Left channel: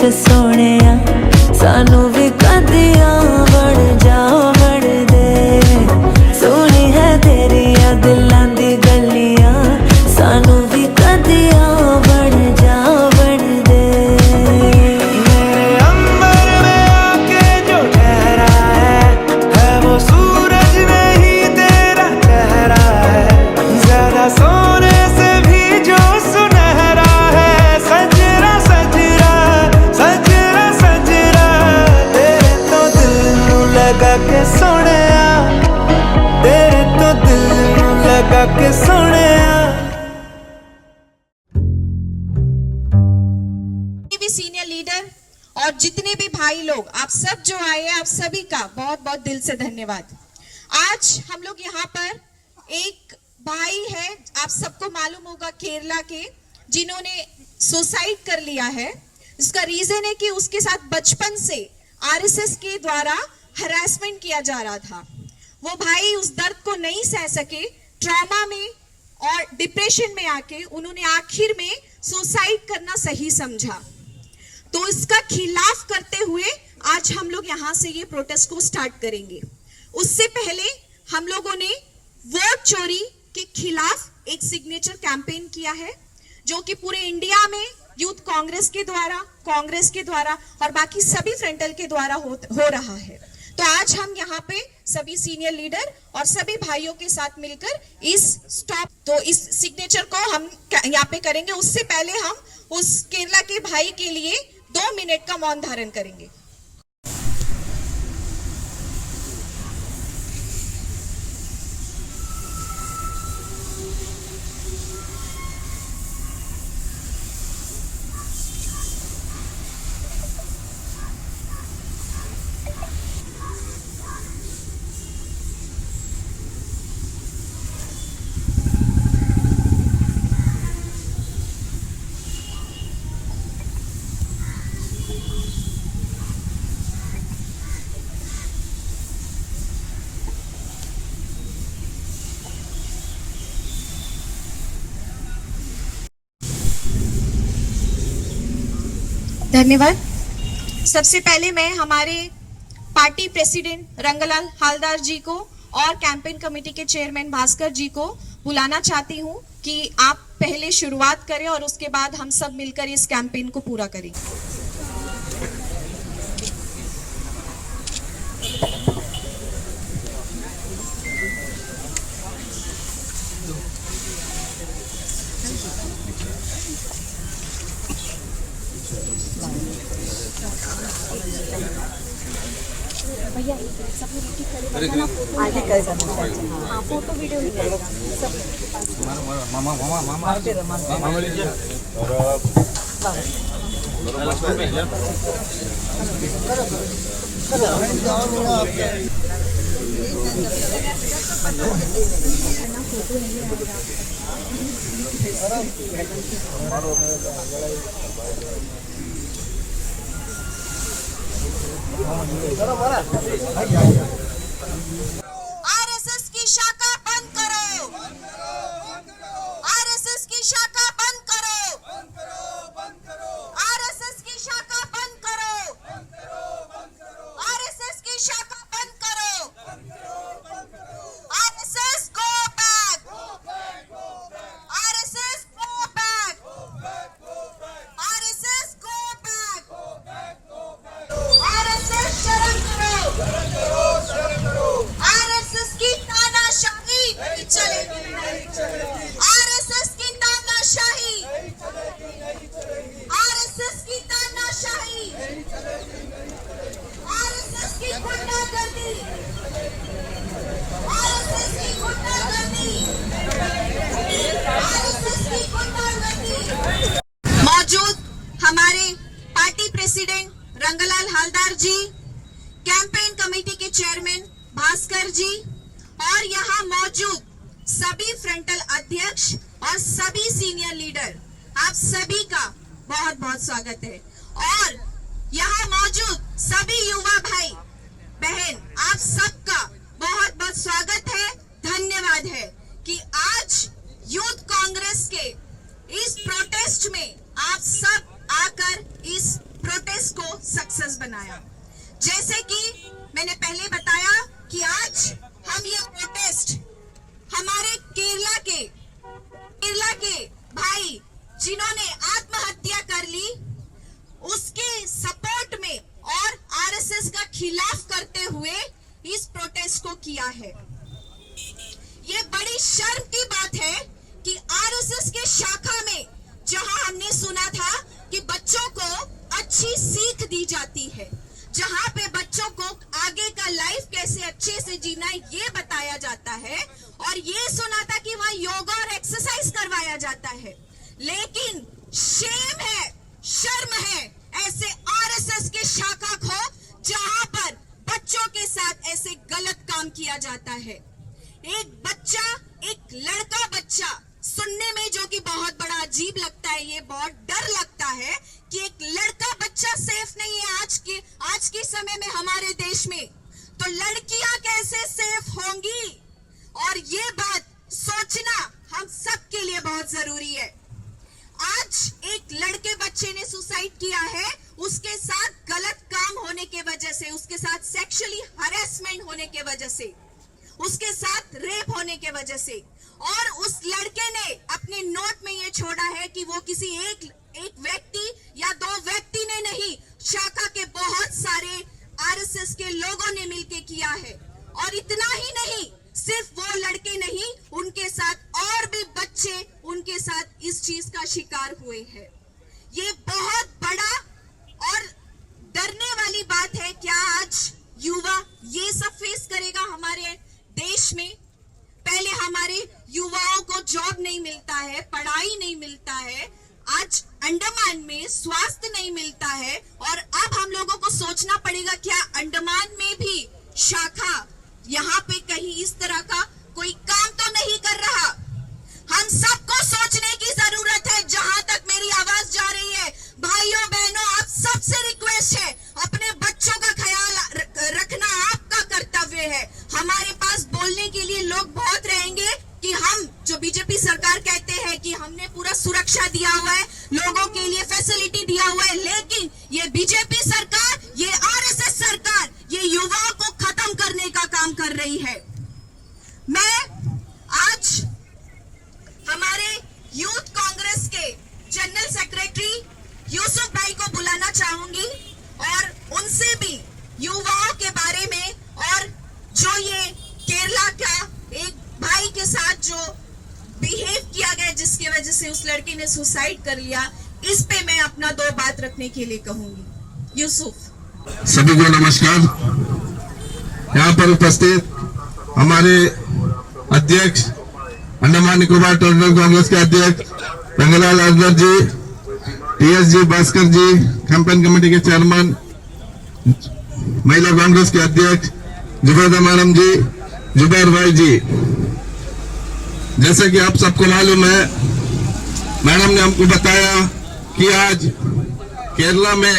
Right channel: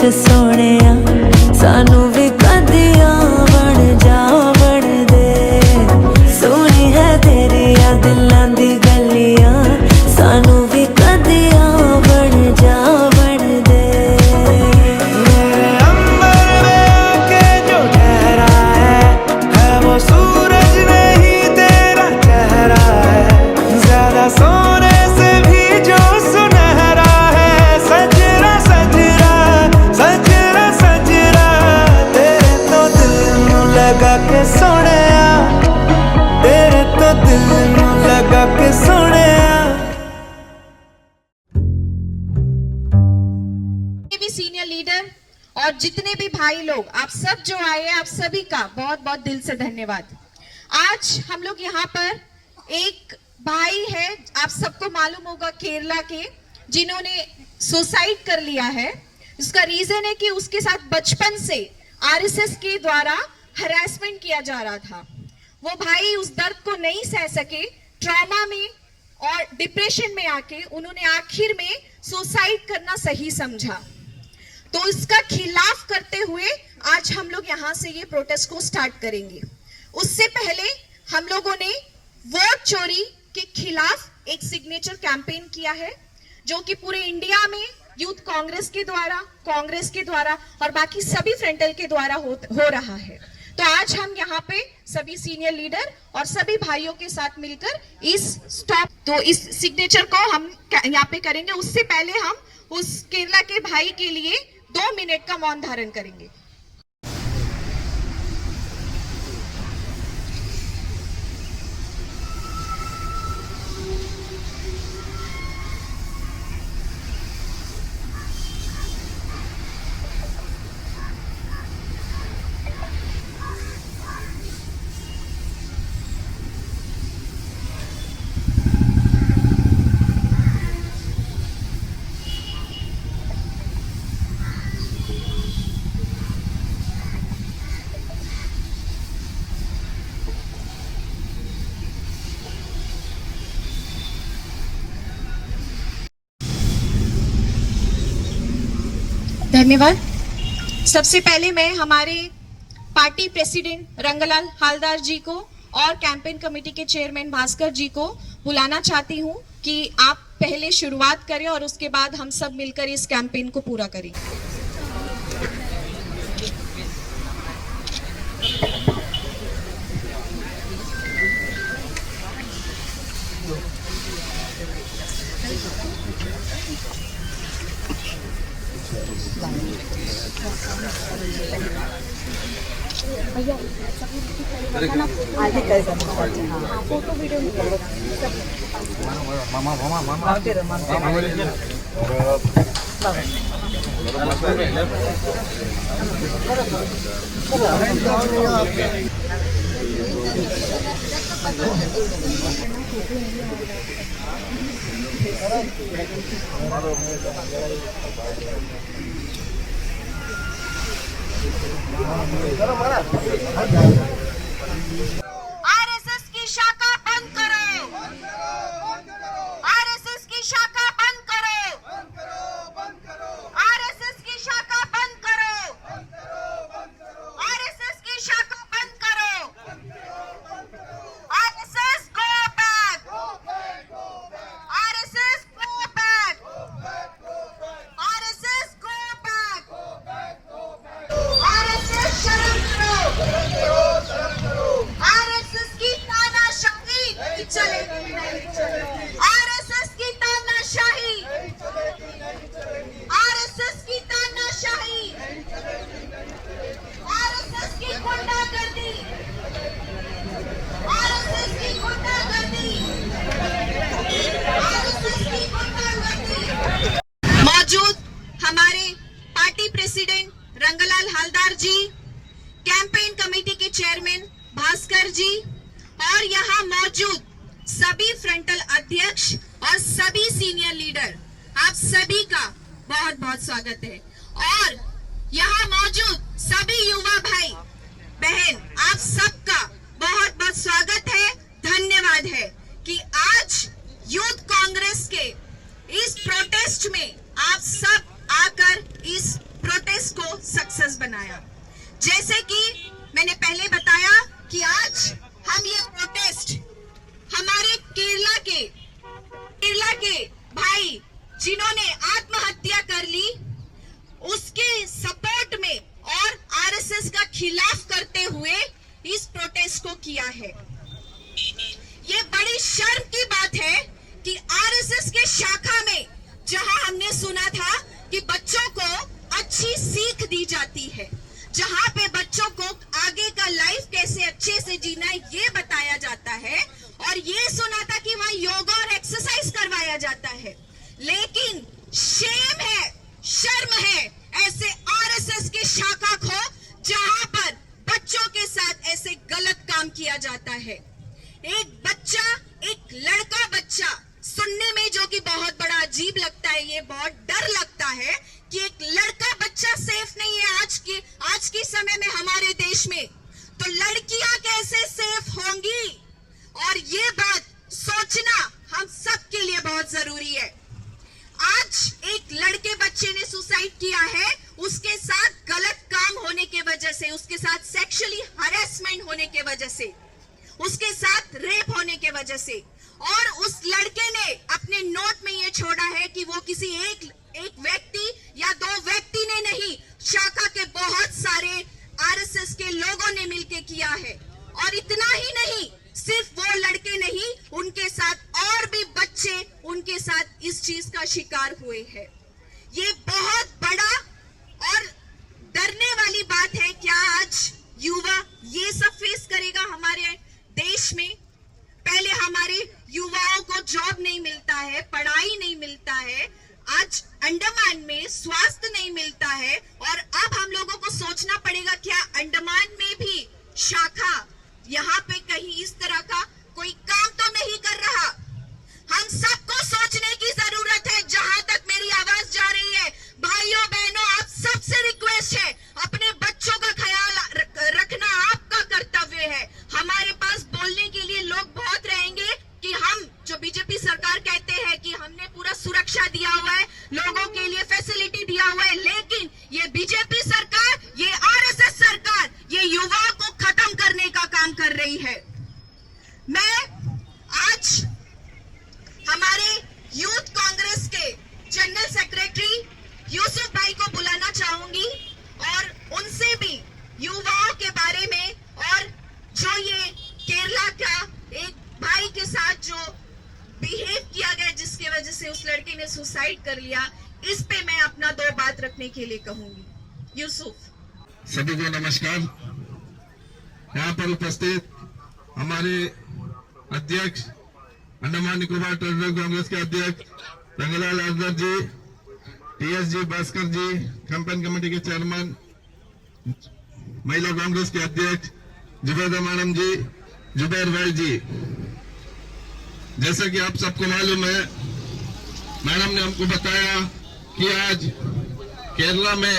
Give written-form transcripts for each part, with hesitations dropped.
विच सोहणिया सानू भी कदियां बन जा बन दे। सोहनी है तेरी आ दिलां दी गलियां सानू भी कदियां बन जा बन दे। मेरे अंबर में आके जो ठहरा है वो सूरज नहीं तेरा चेहरा है। ज्यादा सोने से भी जो सुनहरा है। सजरा सजरा सजरा सजरा तेरे तो दिल नू लगा के सोहणिया, तेरे तो दिल नू लगा के सोहणिया। भी सीनियर लीडर और जितने भी भाई लोग, आप सब जो आए हैं, आप सभी का बहुत बहुत दिल से धन्यवाद। आज हम लोग यहाँ पर एक भाई है, आप सबको मालूम होगा, केरला के, जिन्होंने सुसाइड कर लिया है। इसका रीजन है कि उसके साथ बचपन से आरएसएस के द्वारा हरासमेंट किया जा रहा था। वो भाई उस दर्द को नहीं सह सके, ट्रॉमा में और डिप्रेशन में आके उन्होंने आखिर में सुसाइड करना सही समझा। तो इसका खिलाफ करते हुए आज हम लोग यहाँ से ये प्रोटेस्ट को स्टार्ट करेंगे। उससे पहले हम लोगों ने वोट चोरी के खिलाफ एक सिग्नेचर कैंपेन किया है, जो कि पूरे इंडिया में यूथ कांग्रेस के द्वारा और बाकी सभी फ्रंटल के द्वारा हो रहा है। तो आज हम यहाँ पे सभी सीनियर लीडर और सभी भाइयों के साथ मिलकर इस सिग्नेचर को हम यहाँ पे करेंगे। उससे पहले हम उस केरला के भाई के लिए 2 मिनट का मौन धारण करेंगे। धन्यवाद। सबसे पहले मैं हमारे पार्टी प्रेसिडेंट रंगलाल हालदार जी को और कैंपेन कमेटी के चेयरमैन भास्कर जी को बुलाना चाहती हूं कि आप पहले शुरुआत करें और उसके बाद हम सब मिलकर इस कैंपेन को पूरा करें। भैया फोटो वीडियो आरएसएस की शाखा बंद करो, आरएसएस की शाखा बंद करो, आरएसएस की शाखा बंद करो, आरएसएस की शाखा बंद करो, RSS go back, RSS go back, RSS go back, RSS शर्म करो, आरएसएस की तानाशाही नहीं चलेगी, आरएसएस की तानाशाही, आरएसएस की तानाशाही, आरएसएस की गुंडागर्दी, आरएसएस की गुंडागर्दी, आरएसएस की गुंडागर्दी। मौजूद हमारे पार्टी प्रेसिडेंट रंगलाल हालदार जी, कैंपेन कमेटी के चेयरमैन भास्कर जी और यहाँ मौजूद सभी फ्रंटल अध्यक्ष और सभी सीनियर लीडर, आप सभी का बहुत बहुत स्वागत है। और यहाँ मौजूद सभी युवा भाई बहन, आप सबका बहुत बहुत स्वागत है, धन्यवाद है कि आज यूथ कांग्रेस के इस प्रोटेस्ट में आप सब आकर इस प्रोटेस्ट बनाया। जैसे कि मैंने पहले बताया कि आज हम ये प्रोटेस्ट हमारे केरला के भाई जिन्होंने आत्महत्या कर ली उसके सपोर्ट में और आरएसएस का खिलाफ करते हुए इस प्रोटेस्ट को किया है। ये बड़ी शर्म की बात है कि आरएसएस के शाखा में जहां हमने सुना था कि बच्चों को अच्छी सीख दी जाती है, जहां पे बच्चों को आगे का लाइफ कैसे अच्छे से जीना है ये बताया जाता है, और ये सुना था कि वहां योगा और एक्सरसाइज करवाया जाता है, लेकिन शेम है, शर्म है ऐसे आरएसएस के शाखा को जहां पर बच्चों के साथ ऐसे गलत काम किया जाता है। एक बच्चा, एक लड़का बच्चा, सुनने में जो कि बहुत बड़ा अजीब लगता है, ये बहुत डर लगता है कि एक लड़का बच्चा सेफ नहीं है आज के समय में हमारे देश में, तो लड़कियां कैसे सेफ होंगी? और ये बात सोचना हम सबके लिए बहुत जरूरी है। आज एक लड़के बच्चे ने सुसाइड किया है, उसके साथ गलत काम होने के वजह से, उसके साथ सेक्सुअली हरेसमेंट होने के वजह से, उसके साथ रेप होने के वजह से, और उस लड़के ने अपने नोट में ये छोड़ा है कि वो किसी एक व्यक्ति या दो व्यक्ति ने नहीं, शाखा के बहुत सारे आरएसएस के लोगों ने मिलकर किया है। और इतना ही नहीं, सिर्फ वो लड़के नहीं, उनके साथ और भी बच्चे उनके साथ इस चीज का शिकार हुए हैं। ये बहुत बड़ा और डरने वाली बात है। क्या आज युवा ये सब फेस करेगा हमारे देश में? पहले हमारे युवाओं को जॉब नहीं मिलता है, पढ़ाई नहीं मिलता है, आज अंडमान में स्वास्थ्य नहीं मिलता है, और अब हम लोगों को सोचना पड़ेगा क्या अंडमान में भी शाखा यहाँ पे कहीं इस तरह का कोई काम तो नहीं कर रहा? हम सबको सोचने की जरूरत है। जहां तक मेरी आवाज जा रही है, भाइयों बहनों, आप सबसे रिक्वेस्ट है, अपने बच्चों का ख्याल रखना आपका कर्तव्य है। हमारे पास बोलने के लिए लोग बहुत रहेंगे कि हम जो बीजेपी सरकार कहते हैं कि हमने पूरा सुरक्षा दिया हुआ है, लोगों के लिए फैसिलिटी दिया हुआ है, लेकिन ये बीजेपी सरकार, ये आरएसएस सरकार, ये युवाओं को खत्म करने का काम कर रही है। मैं आज हमारे यूथ कांग्रेस के जनरल सेक्रेटरी यूसुफ भाई को बुलाना चाहूंगी और उनसे भी युवाओं के बारे में, और जो ये केरला का एक भाई के साथ जो बिहेव किया गया जिसकी वजह से उस लड़के ने सुसाइड कर लिया, इस पे मैं अपना दो बात रखने के लिए कहूंगी। यूसुफ। सभी को नमस्कार। यहाँ पर उपस्थित हमारे अध्यक्ष, अंडमान निकोबार टेरिटोरियल कांग्रेस के अध्यक्ष रंगलाल अजगर जी, टीएसजी भास्कर जी, कैंपेन कमेटी के चेयरमैन, महिला कांग्रेस के अध्यक्ष जुबैदा मैडम जी, जुबैर भाई जी, जैसे कि आप सबको मालूम है, मैडम ने हमको बताया कि आज केरला में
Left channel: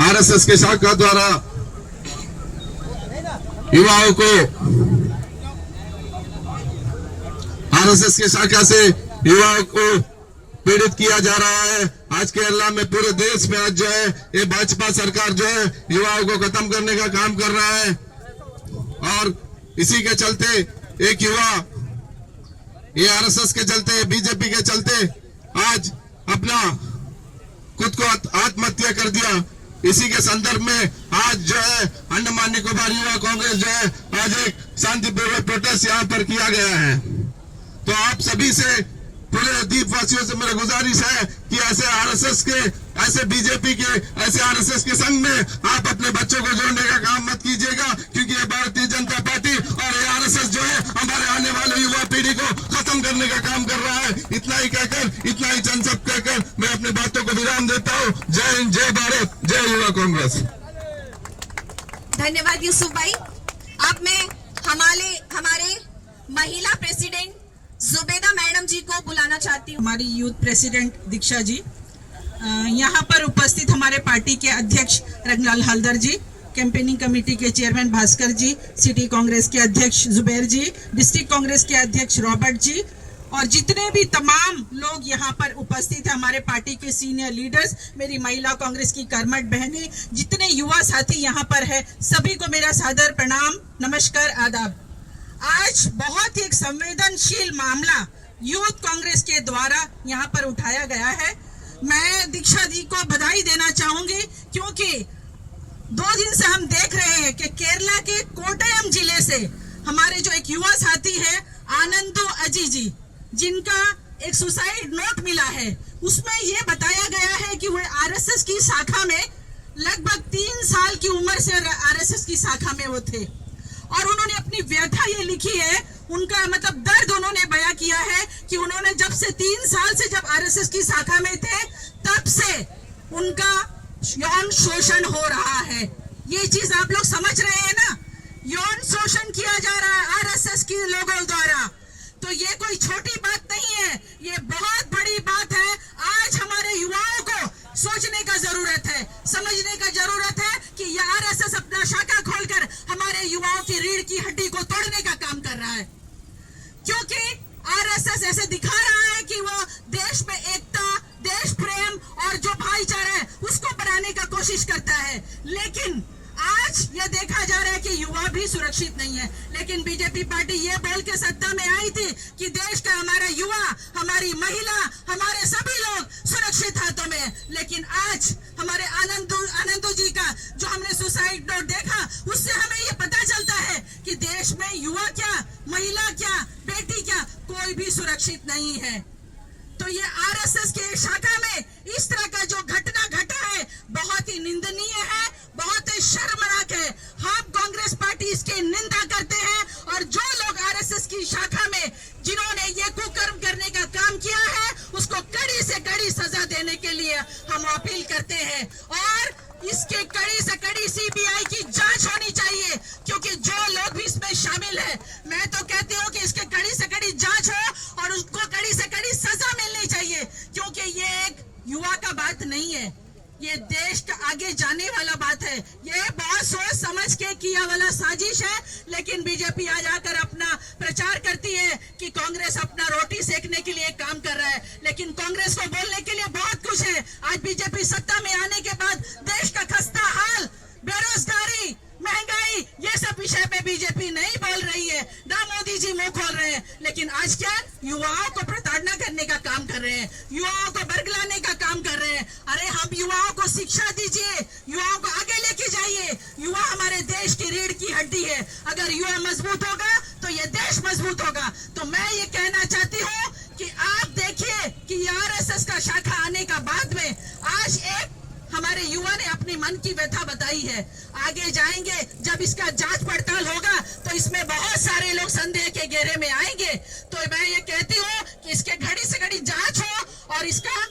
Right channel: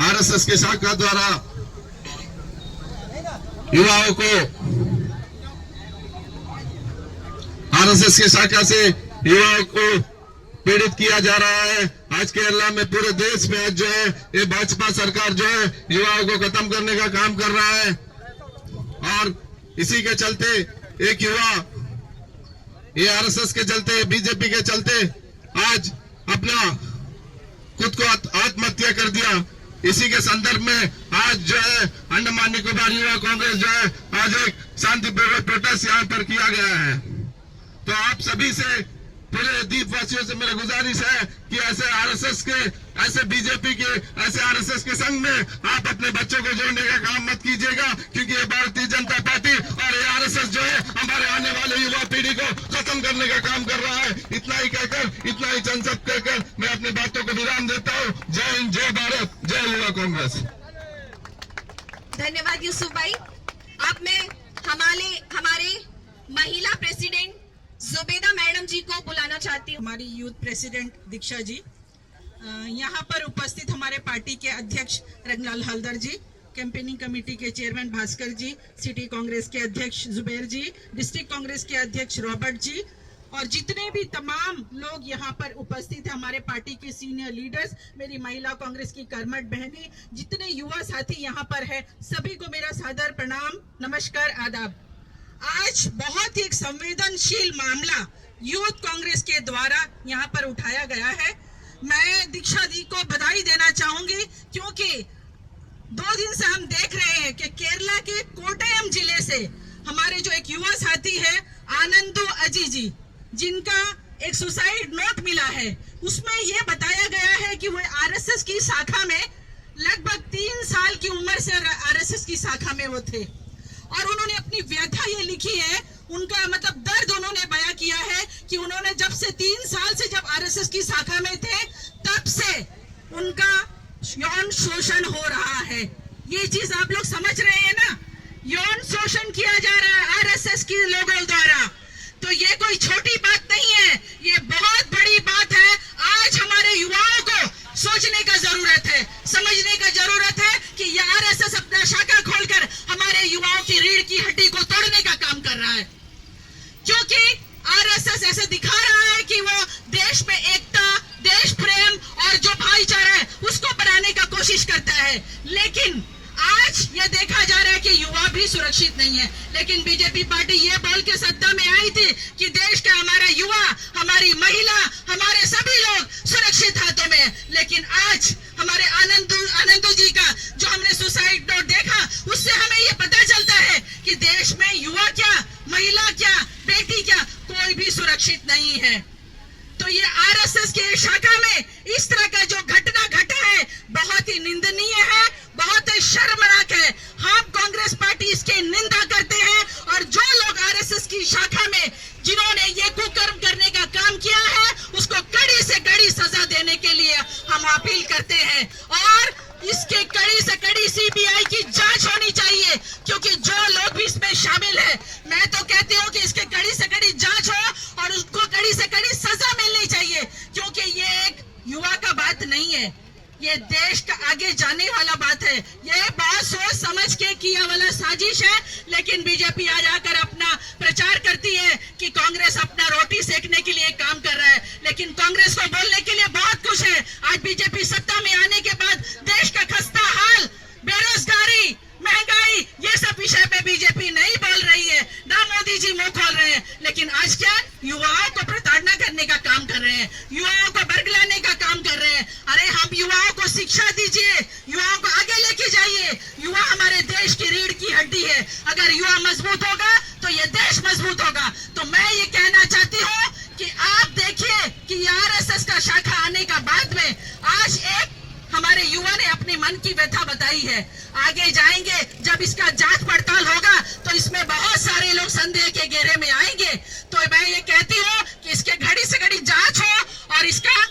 आरएसएस के शाखा द्वारा युवाओं को, आरएसएस की शाखा से युवाओं को पीड़ित किया जा रहा है। आज केरला में, पूरे देश में आज जो है ये भाजपा सरकार जो है युवाओं को खत्म करने का काम कर रहा है, और इसी के चलते एक युवा ये आरएसएस के चलते, बीजेपी के चलते आज अपना खुद को आत्महत्या कर दिया। इसी के संदर्भ में आज जो है अंडमान निकोबार युवा कांग्रेस जो है आज एक शांतिपूर्वक प्रोटेस्ट यहाँ पर किया गया है। तो आप सभी से, पूरे द्वीपवासियों से मेरा गुजारिश है कि ऐसे आरएसएस के, ऐसे बीजेपी के, ऐसे आरएसएस के संग में आप अपने बच्चों को जोड़ने का काम मत कीजिएगा, क्योंकि ये भारतीय जनता पार्टी और ये आरएसएस जो है हमारे आने वाले युवा पीढ़ी को खत्म करने का काम कर रहा है। इतना ही कहकर, इतना ही चंद सब कहकर मैं अपनी बातों को विराम देता हूँ। जय हिंद, जय भारत, जय युवा कांग्रेस। धन्यवाद यूसुफ भाई। अब मैं हमारे महिला प्रेसिडेंट जुबैदा मैडम जी को बुलाना चाहती हूँ। हमारी यूथ प्रेसिडेंट दीक्षा जी, यहाँ पर उपस्थित हमारे पार्टी के अध्यक्ष रंगलाल हल्दर जी, कैंपेनिंग कमेटी के चेयरमैन भास्कर जी, सिटी कांग्रेस के अध्यक्ष जुबैर जी, डिस्ट्रिक्ट कांग्रेस के अध्यक्ष रॉबर्ट जी, और जितने भी तमाम लोग यहाँ पर उपस्थित हैं, हमारे पार्टी के सीनियर लीडर्स, मेरी महिला कांग्रेस की कर्मठ बहनें, जितने युवा साथी यहाँ पर है, सभी को मेरा सादर प्रणाम, नमस्कार, आदाब। आज बहुत ही एक संवेदनशील मामला यूथ कांग्रेस के द्वारा यहाँ पर उठाया गया है। मैं दीक्षा दी को बधाई देना चाहूंगी, क्योंकि 2 दिन से हम देख रहे हैं कि केरला के कोट्टयम जिले से हमारे जो एक युवा साथी है आनंदू अजी जी, जिनका एक सुसाइड नोट मिला है, उसमें यह बताया गया है कि वो आरएसएस की शाखा में लगभग 3 साल की उम्र से आरएसएस की शाखा में वो थे, और उन्होंने अपनी व्यथा ये लिखी है, उनका मतलब दर्द उन्होंने बयां किया है कि उन्होंने जब से 3 साल से जब आरएसएस की शाखा में थे, तब से उनका यौन शोषण हो रहा है। ये चीज आप लोग समझ रहे हैं ना, यौन शोषण किया जा रहा है आरएसएस के लोगों द्वारा। तो ये कोई छोटी बात नहीं है, ये बहुत बड़ी बात है। आज हमारे युवाओं को सोचने का जरूरत है, समझने का जरूरत है कि ये आरएसएस अपना शाखा खोलकर हमारे युवाओं की रीढ़ की हड्डी को तोड़ने का काम कर रहा है, क्योंकि आरएसएस ऐसे दिखा रहा है कि वो देश में एकता, देश प्रेम और जो भाईचारा है उसको बनाने का कोशिश करता है। लेकिन आज ये देखा जा रहा है कि युवा भी सुरक्षित नहीं है। लेकिन बीजेपी पार्टी ये बोल के सत्ता में आई थी कि देश का हमारा युवा, हमारी महिला, हमारे सभी लोग सुरक्षित हाथों में है। लेकिन आज हमारे आनंदू जी का जो हमने सुसाइड नोट देखा, उससे हमें ये पता चलता है कि देश में युवा क्या, महिला क्या, बेटी क्या, कोई भी सुरक्षित नहीं है। तो ये आरएसएस के शाखा में इस तरह का जो घटना घटा है, बहुत ही निंदनीय है, बहुत ही शर्मनाक है। हम कांग्रेस पार्टी इसकी निंदा करते हैं, और जो लोग आरएसएस की शाखा में जिन्होंने ये कुकर्म करने का काम किया है, उसको कड़ी से कड़ी सजा देने के लिए हम अपील करते हैं, और इसके कड़ी से कड़ी सीबीआई की जांच होनी चाहिए, क्योंकि जो लोग भी इसमें शामिल है, मैं तो कहती हूँ कि इसके कड़ी से कड़ी जांच हो और उसको कड़ी से कड़ी सजा मिलनी चाहिए, क्योंकि ये एक युवा का बात नहीं है, ये देश का आगे जाने वाला बात है। ये बहुत सोच समझ के किया वाला साजिश है। लेकिन बीजेपी आज आकर अपना प्रचार करती है कि कांग्रेस अपना रोटी सेकने के लिए काम कर रहा है, लेकिन कांग्रेस को बोलने के लिए बहुत कुछ है। आज बीजेपी सत्ता में आने के बाद देश का खस्ता हाल, बेरोजगारी, महंगाई, ये सब विषय पे बीजेपी नहीं बोल रही है, ना मोदी जी मुंह खोल रहे हैं। लेकिन आज क्या, युवाओं को प्रताड़ना करने का काम कर रहे हैं, युवाओं को बरगलाने का काम कर रहे हैं। अरे हम युवाओं को शिक्षा दीजिए, युवाओं को आगे लेके जाइए। युवा हमारे देश की रीढ़ की हड्डी है, अगर युवा मजबूत होगा तो ये देश मजबूत होगा। तो मैं ये कहना चाहती हूँ कि आप देखिए कि आरएसएस का शाखा आने का बाद में आज एक हमारे युवा ने अपनी मन की व्यथा बताई है। आगे जाएंगे, जब इसका जांच पड़ताल होगा तो इसमें बहुत सारे लोग संदेह के घेरे में आएंगे। तो मैं ये कहती हूँ कि इसके घड़ी से घड़ी जांच हो और इसका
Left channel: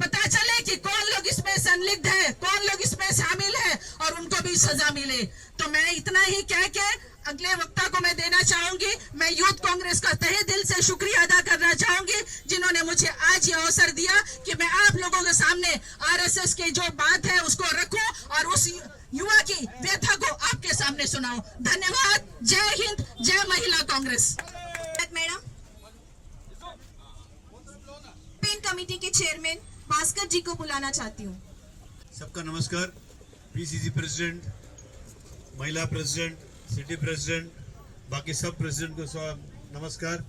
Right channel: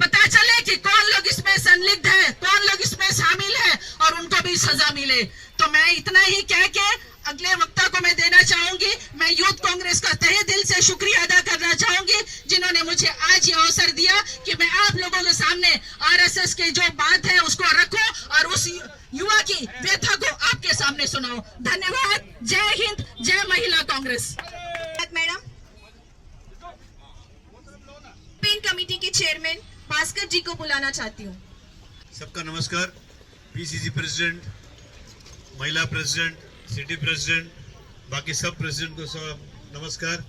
पता चले कि कौन लोग इसमें संलिग्ध है, कौन लोग इसमें शामिल है, और उनको भी सजा मिले। तो मैं इतना ही कह के अगले वक्ता को मैं देना चाहूंगी। मैं यूथ कांग्रेस का तहे दिल से शुक्रिया अदा करना चाहूंगी, जिन्होंने मुझे आज ये अवसर दिया कि मैं आप लोगों के सामने आरएसएस की जो बात है उसको रखूं और उस युवा की व्यथा को आपके सामने सुनाऊं। धन्यवाद। जय हिंद, जय महिला कांग्रेस। मैडम, पेन कमेटी के चेयरमैन भास्कर जी को बुलाना चाहती हूँ। सबका नमस्कार। पीसीसी प्रेसिडेंट, महिला प्रेसिडेंट, सिटी प्रेसिडेंट, बाकी सब प्रेसिडेंट को सब नमस्कार।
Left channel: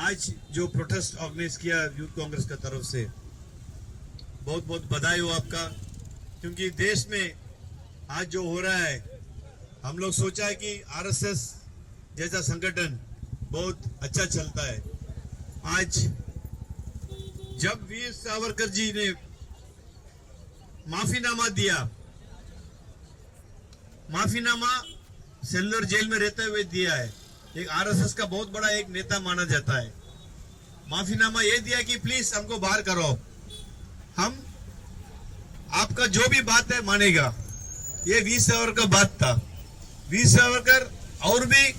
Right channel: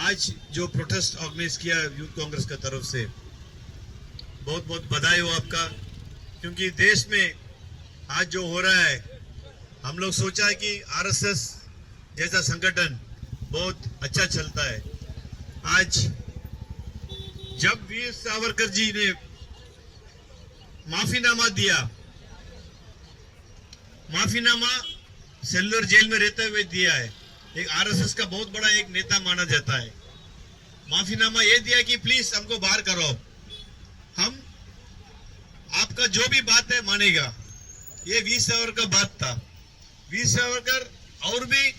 आज जो प्रोटेस्ट ऑर्गेनाइज किया यूथ कांग्रेस का तरफ से, बहुत बहुत बधाई हो आपका, क्योंकि देश में आज जो हो रहा है, हम लोग सोचा है कि आरएसएस जैसा संगठन बहुत अच्छा चलता है। आज जब वीर सावरकर जी ने माफीनामा दिया, माफीनामा सेलुलर जेल में रहते हुए दिया है, एक आरएसएस का बहुत बड़ा एक नेता माना जाता है। माफीनामा ये दिया कि प्लीज हमको बाहर करो, हम आपका जो भी बात है मानेगा। ये वीर सावरकर का बात था। वीर सावरकर और भी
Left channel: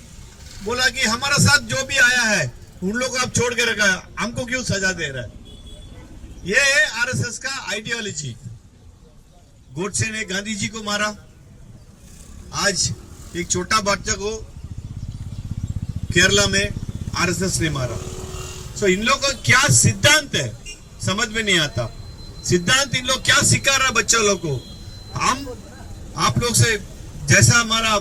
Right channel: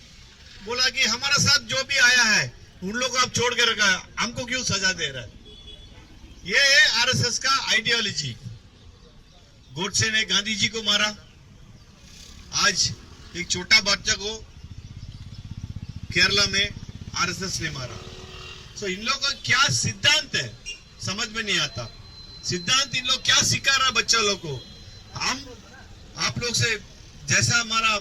बोला कि हमारा साथ जो भी आया है उन लोगों को आप छोड़ के रखा है, हमको क्यों सजा दे रहा है। ये है आरएसएस का आइडियोलॉजी। गोडसे ने गांधी जी को मारा, आज एक छोटा बच्चा को केरला में आरएसएस ने मारा। सो इन लोगों को क्या सिद्धांत है समझ में नहीं आता। सिद्धांत इन लोग क्या सिखा रहे हैं बच्चों लोग को। हम आप लोग से जैसा हमारा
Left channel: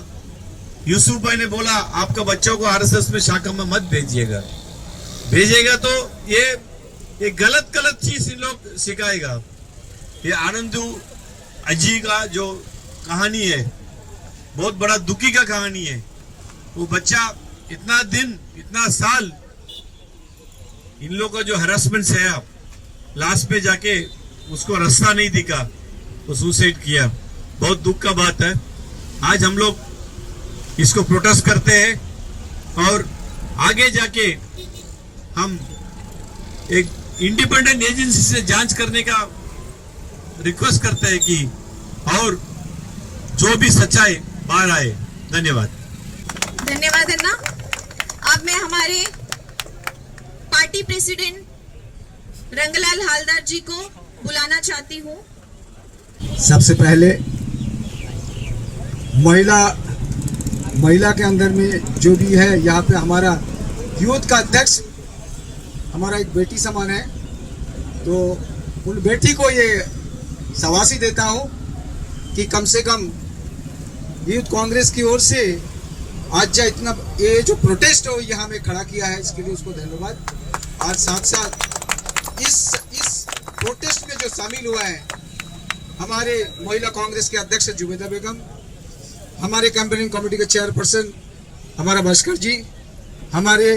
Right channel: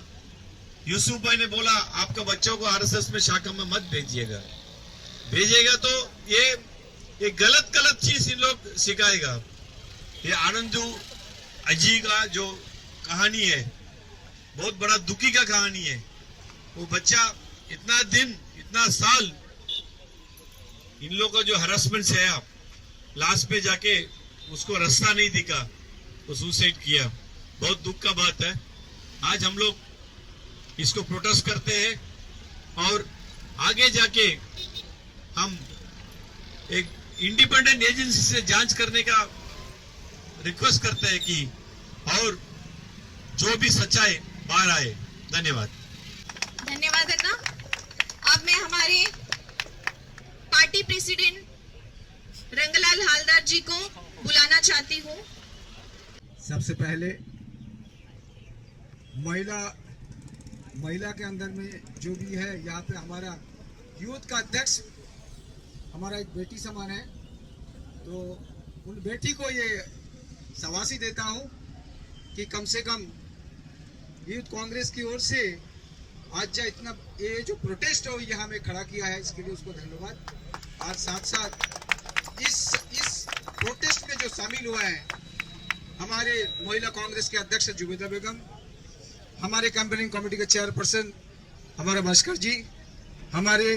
यूसुफ भाई ने बोला, आपका बच्चों को आरएसएस में शाखा में मत भेजिएगा तो ये गलत चीज इन लोग सिखाएगा। ये आनंदू अजी का जो कहानी है बहुत बड़ा दुखी का कहानी है। वो बच्चा इतना दिन इतना साल इन लोगों का जो हरासमेंट से है, लास्ट पे जाके उसको रास्ता नहीं दिखा, वो सुसाइड किया। बहुत दुख का बात है। आज हम लोग इसको प्रोटेस्ट करते हैं और आगे जाके हम एक इंडिपेंडेंट एजेंसी से जांच करने का रिक्वेस्ट करते हैं कि और जो भी सच्चाई बाहर आए। धन्यवाद। धन्यवाद अन्ना। अब मैं हमारे पार्टी प्रेसिडेंट रंगलाल हालदार जी को बुलाना चाहती हूँ। सबसे पहले महिला के अंदर में जो भी है, यहाँ पे हमारा यूथ का अध्यक्ष हमारा एक बेटी समान है, तो उन बेटी को ये शाबाशी देता हूँ कि कम से कम यूथ कांग्रेस की ओर से आज इतना ये जो प्रोटेस्ट हो यहाँ में खड़ा किया है, इसके लिए उसको धन्यवाद। और साथ साथ इस प्रोटेस्ट में जो शामिल हुआ है हमारे महिला कांग्रेस के अध्यक्ष जुबेदा बेगम, हमारे कैंपेनिंग कमेटी के चेयरपर्सन हमारा भास्कर जी, हमारे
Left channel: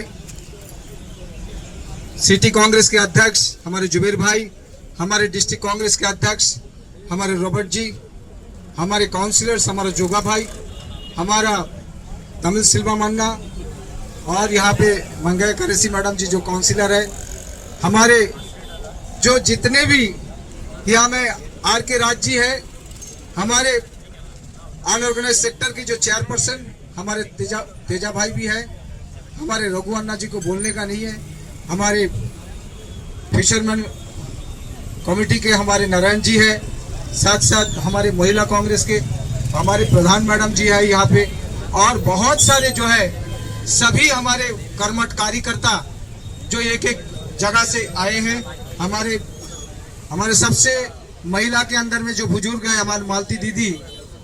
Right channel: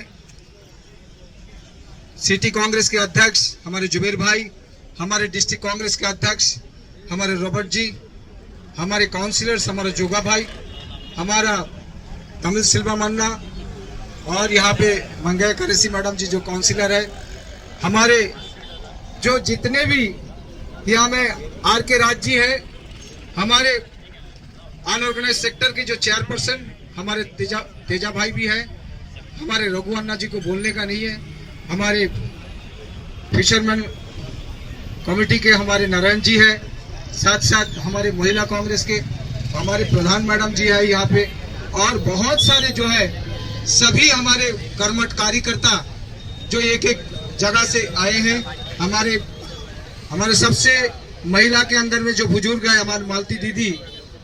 सिटी कांग्रेस के अध्यक्ष हमारे जुबेर भाई, हमारे डिस्ट्रिक्ट कांग्रेस के अध्यक्ष हमारे रॉबर्ट जी, हमारे काउंसिलर्स हमारा जोगा भाई, हमारा तमिल सिल्वा मन्ना, और यहाँ पे मंगया करेसी मैडम जी जो काउंसिलर है, हमारे जो जितने भी यहाँ में आर के राज जी है, हमारे अनऑर्गेनाइज सेक्टर के जो चेयरपर्सन हमारे तेजा भाई भी है, हमारे रघु अन्ना जी को बोलने का नहीं है, हमारे फिशरमैन कमेटी के हमारे नारायण जी है, साथ साथ हमारे महिला कांग्रेस के हमारे प्रधान मैडम जी है यहाँ पे, और बहुत सारे जो है सभी हमारे कर्मठ कार्यकर्ता जो एक एक जगह से आए हैं। हमारे सबसे महिला के अंदर में जो बुजुर्ग है हमारी मालती दीदी,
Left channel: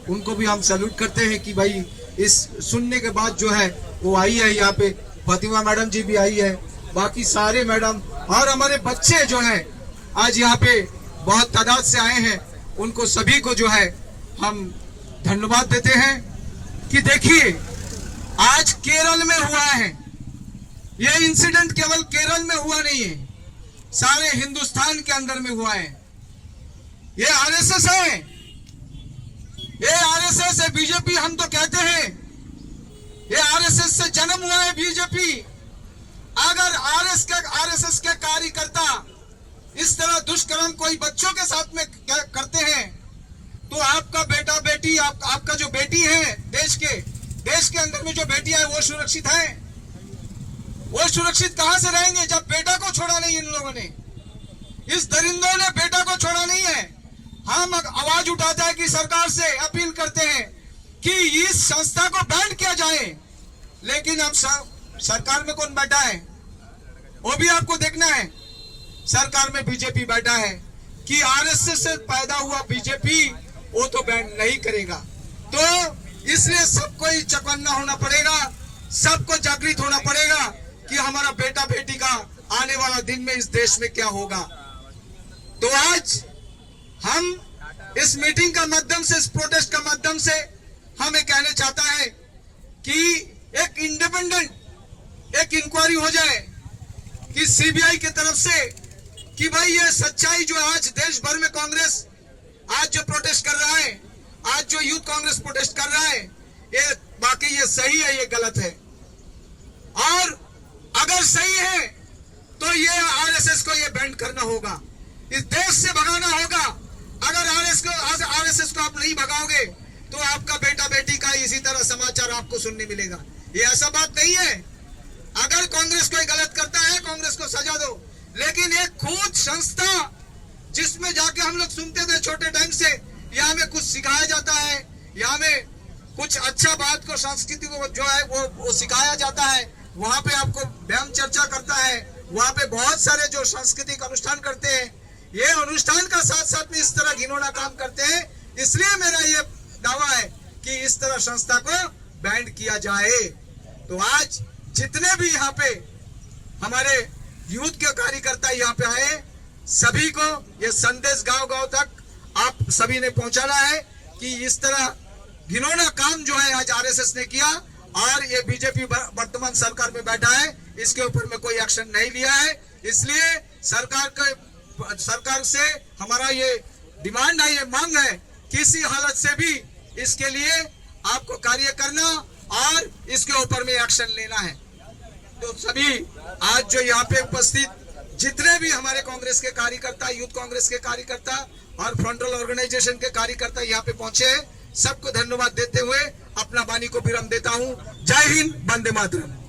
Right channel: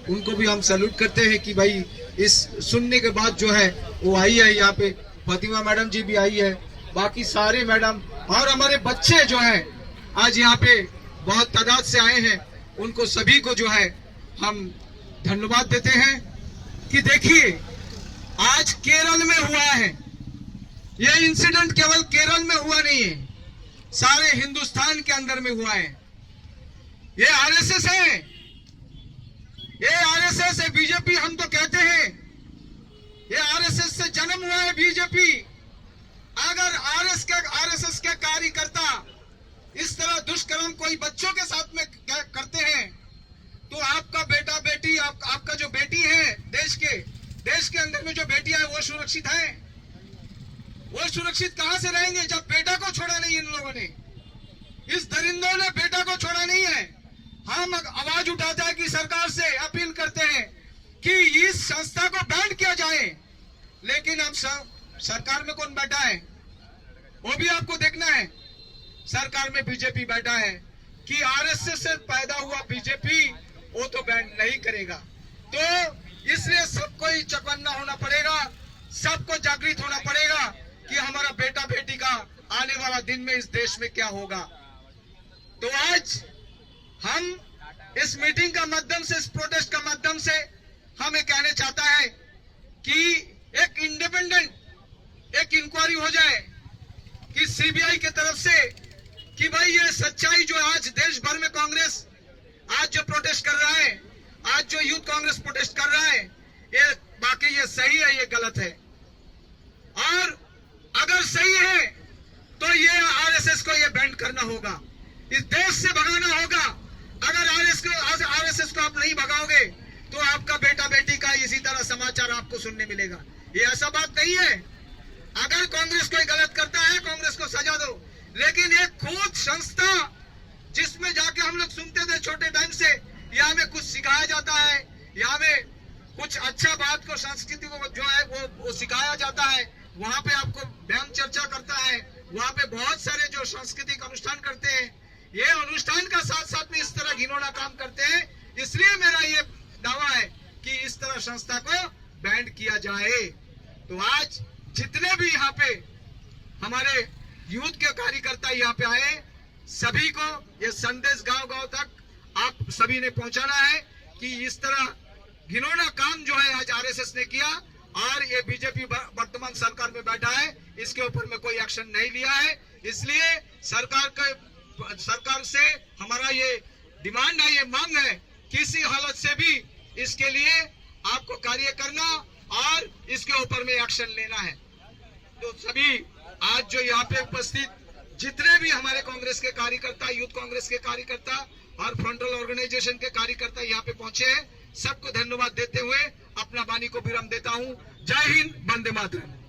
उनको भी हम सैल्यूट करते हैं कि भाई इस सुनने के बाद जो है वो आई है यहाँ पे। फातिमा मैडम जी भी आई है, बाकी सारे मैडम और हमारे बच्चे जो है आज यहाँ पे बहुत तादाद से आए हैं, उनको सभी को जो है हम धन्यवाद देते हैं। कि देखिए आज केरल में हुआ है, यह इंसिडेंट केवल केरल में हुआ नहीं है, सारे हिंदुस्तान के अंदर में हुआ है। ये आरएसएस है, ये आरएसएस है। बीजेपी हम तो कहते हैं ये आरएसएस से जन्म हुआ है बीजेपी। अगर आरएसएस के कार्यकर्ता इस तरह दुष्कर्म कोई बच्चों के साथ में करते हैं तो आपका बेटा बेटी आपका जो बेटी है देश के अंदर में जो बेटियां है वो सुरक्षित है? वो सुरक्षित कहां से रहेंगे जब बेटा को छोड़ा नहीं इन लोगों ने? इस दरिंदों ने बेटा को छोड़ा नहीं है। हम आवाज उठाते हैं कि सरकार से अपील करते हैं कि इस संस्था को बैन किया जाए, लेकिन अब सरकार में कौन बैठा है वो भी आपको देखना है। सरकार में बीजेपी बैठा है कि आरएसएस से पैदा हुआ बीजेपी वो तो बैन नहीं करेगा। तो इसलिए सबको ही चौकन्ना होना पड़ेगा, सबको जागृत होना पड़ेगा कि हमारा बेटा बेटी का आने वाला दिन में इस देश में क्या होगा। तो आज हम इस मीटिंग का माध्यम से, इस प्रोटेस्ट का माध्यम से हम ये कहना चाहता है कि एक इंडिपेंडेंट एक इंक्वायरी हो जाए कि सीबीआई की तरफ से कि भाई ये सच्चाई जो आज देश भर में कांग्रेस आज जो प्रोटेस्ट कर रहा है, आज जो यूथ कांग्रेस प्रोटेस्ट कर रहा है, ये बाकी ये सही है ये गलत है। और अगर सही है तो ये आरएसएस को ये बैन करना होगा, इस देश से भगाना होगा। अगर आरएसएस को आप नहीं भगाओगे तो आपका बेटा बेटी का इसी तरह समाचार आपको सुनने मिलेगा। ये ऐसा बात नहीं है। अगर कांग्रेस कोई गलत करता है कांग्रेस को सजा दो, लेकिन एक खुद संस्था जिसमें जाके हम लोग सुनते थे छोटे टाइम से, यहाँ में कुछ सिखाया जाता है, यहाँ में कुछ अच्छा बात को संस्कृति को जो है वो सिखाया जाता है, वहां पे आपको व्यायाम चर्चा करता है, वहां पे बहुत सारे जो सांस्कृतिक अनुष्ठान करते हैं, ये अनुष्ठान का साथ साथ में इस तरह घिनौना काम करते हैं। इसलिए मेरा ये दावा है कि इस तरह संस्था को बैंड किया जाए। तो आज जितने भी यहाँ पे हमारे यूथ के कार्यकर्ता यहाँ पे आए, सभी को ये संदेश गांव गांव तक आप सभी ने पहुंचाना है कि इस तरह घिनौना काम जो है आज आरएसएस ने किया और ये बीजेपी वर्तमान सरकार में बैठा है, इसके ऊपर में कोई एक्शन नहीं लिया है। इसलिए सरकार से हमारा ये डिमांड है, ये मांग है, किसी हालत से भी इसके लिए आपको कार्य करना और इसके ऊपर में एक्शन लेना है। तो सभी आज जो यहाँ पे उपस्थित जितने भी हमारे कांग्रेस के कार्यकर्ता, यूथ कांग्रेस के कार्यकर्ता और फ्रंटल ऑर्गेनाइजेशन के कार्यकर्ता यहाँ पे पहुंचे हैं, सबको धन्यवाद देते हुए अपना वाणी को विराम देता हूँ। जय हिंद, वंदे मातरम।